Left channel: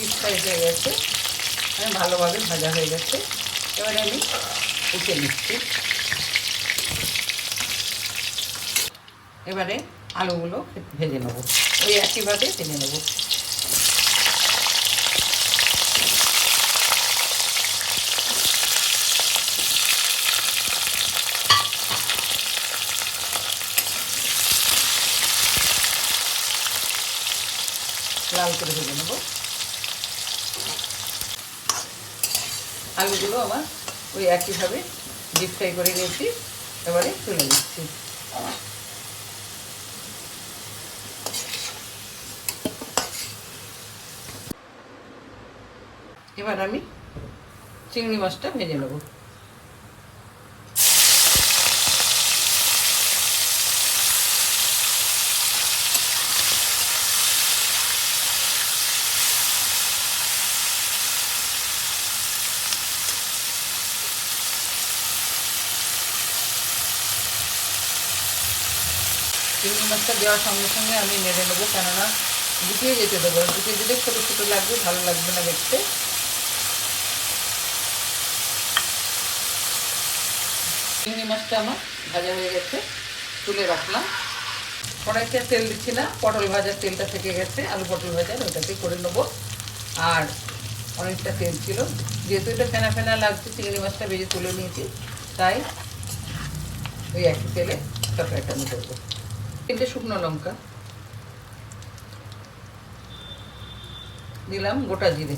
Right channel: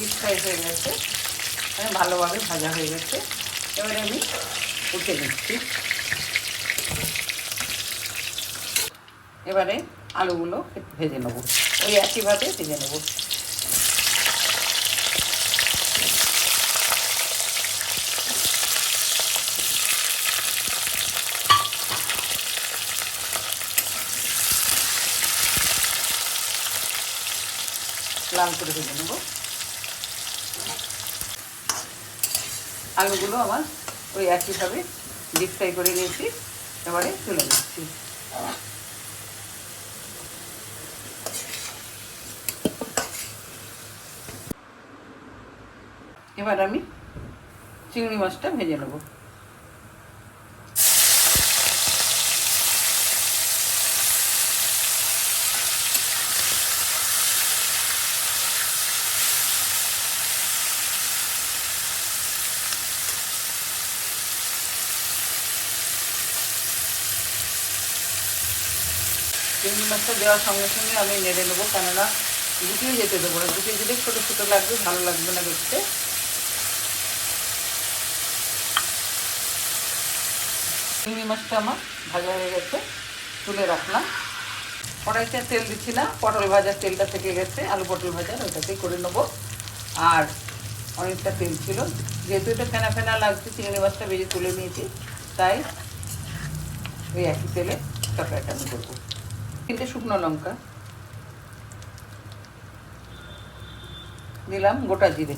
Deep fry হয়ে গেছে, ভালোভাবে ভাজা হয়ে গেছে। এবারে আমি উঠে দিচ্ছি। এবারে আলুগুলো ভেজে নেব, ওই একইভাবে ভেজে নেব। লাল করে ভেজে নেব। আলুগুলো আমার ওই একইভাবে ডিপ ফ্রাই করে নিয়েছি, এবারে তুলে নিচ্ছি। এবার আমি চিংড়ি মাছটা ভেজে নেব। চিংড়ি মাছটা দেওয়ার সঙ্গে সঙ্গে আমি নেড়ে নেবো, কেননা গুটিয়ে যেতে দেবো, গুটিয়ে দিলে ছোটো ছোটো লাগবে, ভালো লাগবে না দেখতে। চিংড়ি মাছটা আমার ভাজা হয়ে গেছে, তুলে রাখলাম। কড়াইতে তেল দিচ্ছি না, পটল ভাজার তেলটা থেকে গেছে, আলু পটল ভাজা ওইটাকে করে নেবো। আর অনেকটা তেল ছিল, যেহেতু এটা ফেনা ফেনা লাগছে, চিংড়ি মাছটা ভেজে তুলে নিয়েছি, তাই ওই একই তেলে তরকারিটা আমি করবো। 3টে শুকনো লঙ্কা দিলাম, গোটা জিরে